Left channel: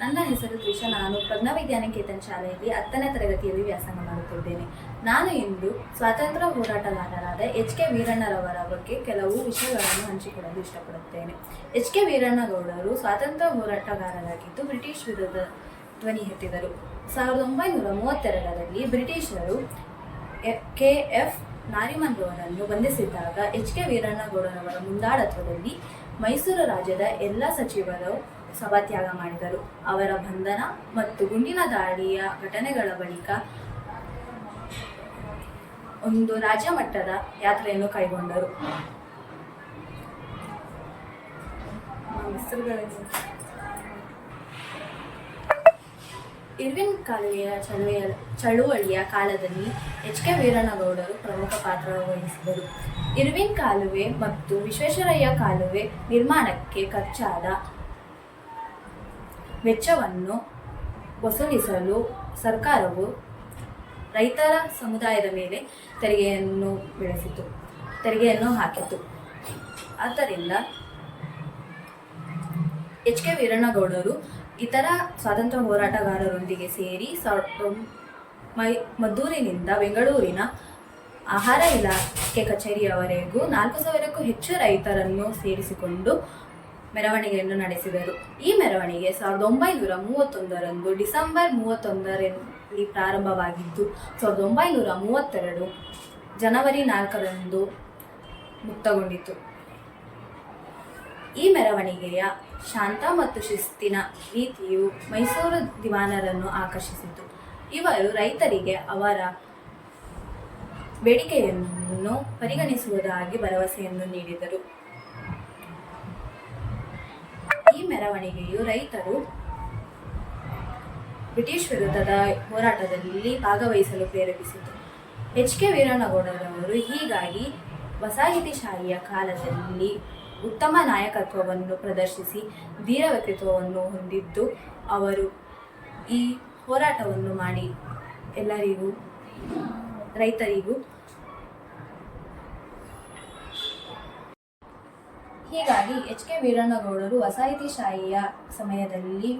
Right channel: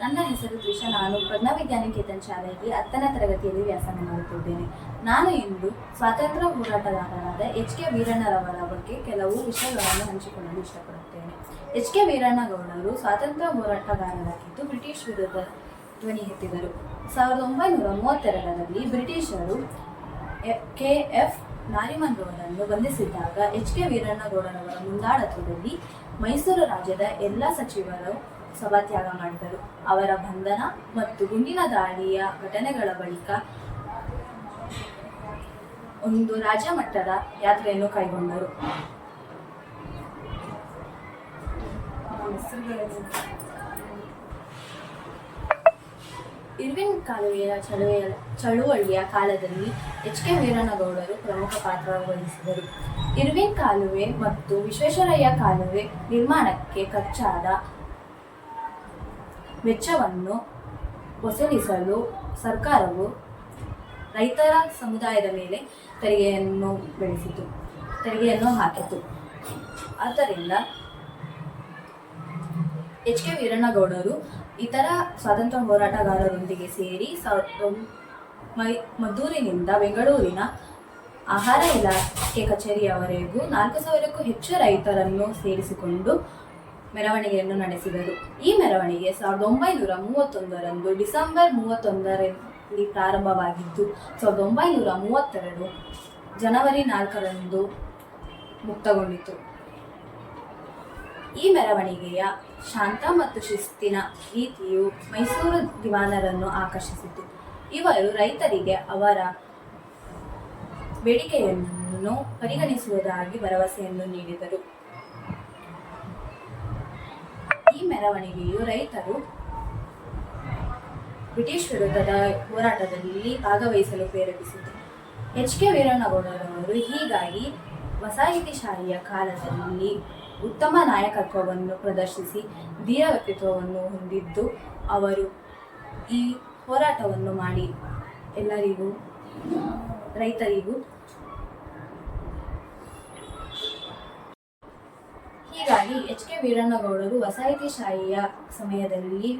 ನನ್ನ ಹೆಸರು ತ್ರಿಷಾ. ನಾನು ಪ್ರಜ್ಞಾವಿಜ್ಞಾನಕೇತನ್ ಶಾಲೆಯಲ್ಲಿ 10ನೇ ತರಗತಿಯಲ್ಲಿ ವ್ಯಾಸಂಗ ಮಾಡುತ್ತಿದ್ದೇನೆ. ನಾನು ಇಂದು ಸ್ವಾತಂತ್ರ್ಯ ಹೋರಾಟಗಾರರಾದ ಎಚ್.ಕೆ. ವೀರಣ್ಣರವರ ಬಗ್ಗೆ ಕೆಲವು ವಿಷಯಗಳನ್ನು ಹಂಚಿಕೊಳ್ಳಲು ಇಷ್ಟಪಡುತ್ತೇನೆ. ಎಚ್.ಕೆ. ವೀರಣ್ಣಗೌಡರು ಸ್ವಾತಂತ್ರ್ಯ ಹೋರಾಟಗಾರರಾಗಿದ್ದು ಬ್ರಿಟಿಷ್ ವಿರುದ್ಧ ಧ್ವನಿ ಎತ್ತಿದರು. 1932ರಲ್ಲಿ ಬ್ರಿಟಿಷರು ಕೆ.ಎಫ್. ನಾರಿಮನ್ ಅವರನ್ನು ಬಂಧಿಸಿದ್ದಾಗ ಎಚ್.ಕೆ. ವೀರಣ್ಣಗೌಡರವರ ಮುಂದಾಳತ್ವದಲ್ಲಿ ಮೈಸೂರು ರಾಜ್ಯದ ಎಲ್ಲ ಸಚಿವರು ಸಭಾತ್ಯಾಗ ಮಾಡಿದರು. ಅವರ ಬಂಧನ ಮತ್ತು ಗುಂಡಿನ ದಾಳಿಯ ಘಟನೆಗಳ ಬಳಿಕ ಒಂದು ರಾಜ್ಯ ಮಟ್ಟದ ಯಾತ್ರೆಯನ್ನು ಕೈಗೊಂಡರು. ಇರ್ವಿನ್ ಕಾಲುವೆಯ ಚಳುವಳಿಯ ಕಾಲದಲ್ಲಿ ಎಚ್.ಕೆ. ವೀರಣ್ಣಗೌಡರು ಪ್ರಮುಖ ಪಾತ್ರ ವಹಿಸಿದರು. ಇರ್ವಿನ್ ಕಾಲುವೆ ಮತ್ತು ವಿಶ್ವೇಶ್ವರಯ್ಯ ಕಾಲುವೆ ನಿರ್ಮಾಣಕ್ಕೆ ಖರ್ಚಾದ ವೆಚ್ಚವನ್ನು ವಸೂಲಿಸಲು ಸರ್ಕಾರವು ರೈತರ ಸಮುದಾಯದ ಮೇಲೆ ತೆರಿಗೆಯನ್ನು ಹಾಕಿತು. ಆದ್ದರಿಂದ ಎಚ್.ಕೆ. ವೀರಣ್ಣಗೌಡರು ಇತರ ಸ್ವಾತಂತ್ರ್ಯ ಹೋರಾಟಗಾರರೊಂದಿಗೆ ಸೇರಿ ಮದ್ದೂರಿನಿಂದ ಬೆಂಗಳೂರಿನ ಆಹಾರ ಇಲಾಖೆ ಕಚೇರಿಯವರೆಗೂ 4000ಕ್ಕೂ ಹೆಚ್ಚು ರೈತರನ್ನು ಸೇರಿಸಿಕೊಂಡು ಮೆರವಣಿಗೆಯನ್ನು ನಡೆಸಿದರು. ಈ ಮೆರವಣಿಗೆ 1931ರಂದು ಡಿಸೆಂಬರ್ 31ರಲ್ಲಿ ಪ್ರಾರಂಭವಾಗಿದ್ದು 1932 ಜನವರಿ 4ರಂದು ಮುಕ್ತಗೊಂಡಿತು. ಈ ಮೆರವಣಿಗೆಯ ಶಾಂತ ಮತ್ತು ಶಿಸ್ತಿನ ರೀತಿಯು ಮೈಸೂರು ದಿವಾನರನ್ನು ಆಕರ್ಷಿಸಿತು. ಇವರು ರೈತರಿಗೆ ಅವರ ಬೇಡಿಕೆಯನ್ನು ಪರಿಗಣಿಸುವುದಾಗಿ ಭರವಸೆಯನ್ನು ನೀಡಿದರು. ಈ ಮೆರವಣಿಗೆಯು ರೈತರು ಬ್ರಿಟಿಷ್ ವಿರುದ್ಧದ ಹೋರಾಟದಲ್ಲಿ ಭಾಗವಹಿಸಲು ಪ್ರೇರೇಪಿಸಿತು. ಎಚ್.ಕೆ. ವೀರಣ್ಣಗೌಡರವರು ಹೀಗಾಗಿ ವಸಾಹತುಶಾಹಿಯ ಕಾಲದಲ್ಲಿ ಉತ್ತಮ ನಾಯಕತ್ವವನ್ನು ಪ್ರದರ್ಶಿಸಿ ಧೀರ ವ್ಯಕ್ತಿತ್ವವನ್ನು ಹೊಂದಿದ್ದು, ಅವರು ಈ ಹೋರಾಟವನ್ನು ಮಾಡಿ ರೈತರಿಗೂ ಹೀಗಾಗಿ ಎಚ್.ಕೆ. ವೀರಣ್ಣಗೌಡರು ವಸಾಹತುಶಾಹಿಯ ಸಮಯದಲ್ಲಿ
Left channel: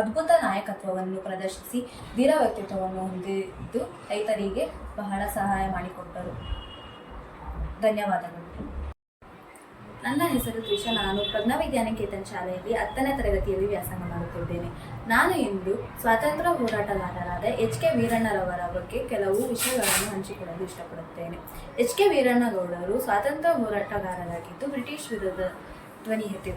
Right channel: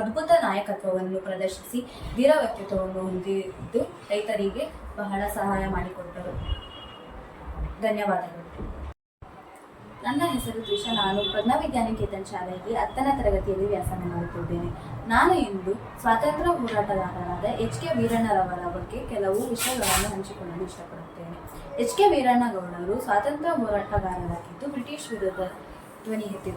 ಅದ್ಭುತ ನಾಯಕತ್ವವನ್ನು ಪ್ರದರ್ಶಿಸಿ ಧೀರ ವ್ಯಕ್ತಿತ್ವವನ್ನು ಹೊಂದಿದ್ದು ರೈತರಿಗೆ ಬಹಳ ಸಹಾಯ ಮಾಡಿಕೊಟ್ಟರು. ಧನ್ಯವಾದಗಳು. ನನ್ನ ಹೆಸರು ತ್ರಿಷಾ. ನಾನು ಪ್ರಜ್ಞಾವಿಜ್ಞಾನಕೇತನ್ ಶಾಲೆಯಲ್ಲಿ 10ನೇ ತರಗತಿಯಲ್ಲಿ ವ್ಯಾಸಂಗ ಮಾಡುತ್ತಿದ್ದೇನೆ. ನಾನು ಇಂದು ಸ್ವಾತಂತ್ರ್ಯ ಹೋರಾಟಗಾರರಾದ ಎಚ್.ಕೆ. ವೀರಣ್ಣರವರ ಬಗ್ಗೆ ಕೆಲವು ವಿಷಯಗಳನ್ನು ಹಂಚಿಕೊಳ್ಳಲು ಇಷ್ಟಪಡುತ್ತೇನೆ. ಎಚ್.ಕೆ. ವೀರಣ್ಣಗೌಡರು ಸ್ವಾತಂತ್ರ್ಯ ಹೋರಾಟಗಾರರಾಗಿದ್ದು ಬ್ರಿಟಿಷ್ ವಿರುದ್ಧ ಧ್ವನಿ ಎತ್ತಿದರು.